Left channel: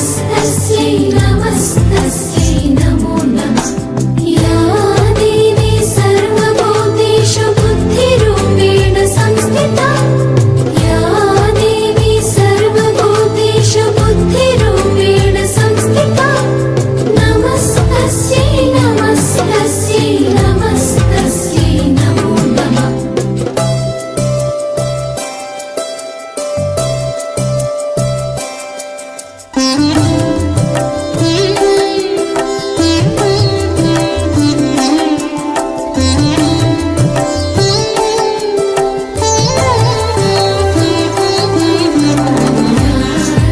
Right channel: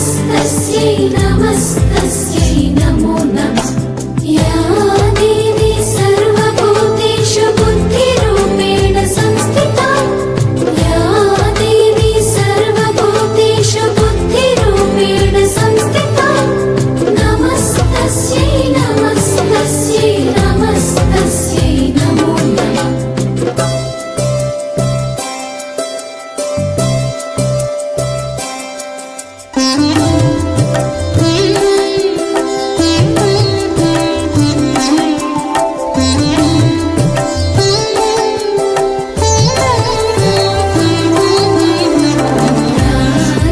नमस्तस्यै नमस्तस्यै नमो नमः। या देवी सर्वभूतेषु बुद्धिरूपेण संस्थिता, या देवी सर्वभूतेषु बुद्धिरूपेण संस्थिता, नमस्तस्यै नमस्तस्यै नमस्तस्यै नमो नमः।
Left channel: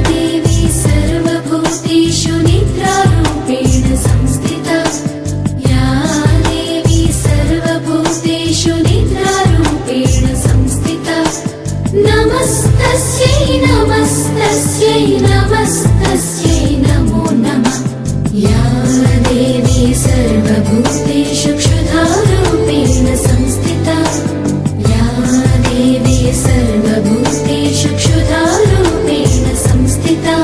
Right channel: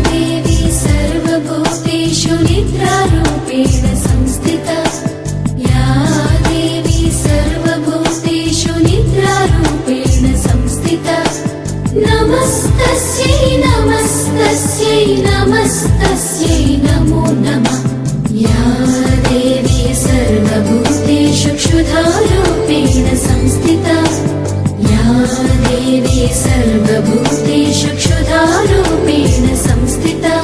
देवी सर्वभूतेषु निद्रारूपेण संस्थिता, या देवी सर्वभूतेषु निद्रारूपेण संस्थिता, नमस्तस्यै नमस्तस्यै नमस्तस्यै नमो नमः। या देवी सर्वभूतेषु क्षुधारूपेण संस्थिता, या देवी सर्वभूतेषु क्षुधारूपेण संस्थिता,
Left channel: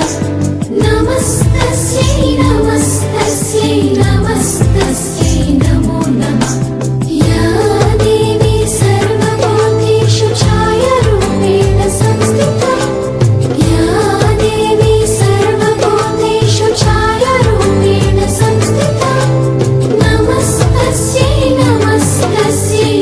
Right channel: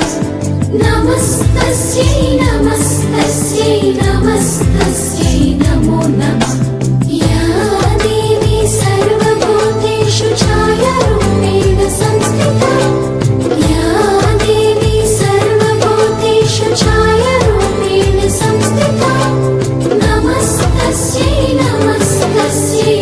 नमस्तस्यै नमस्तस्यै नमस्तस्यै नमो नमः। या देवी सर्वभूतेषु छायारूपेण संस्थिता, या देवी सर्वभूतेषु छायारूपेण संस्थिता, नमस्तस्यै नमस्तस्यै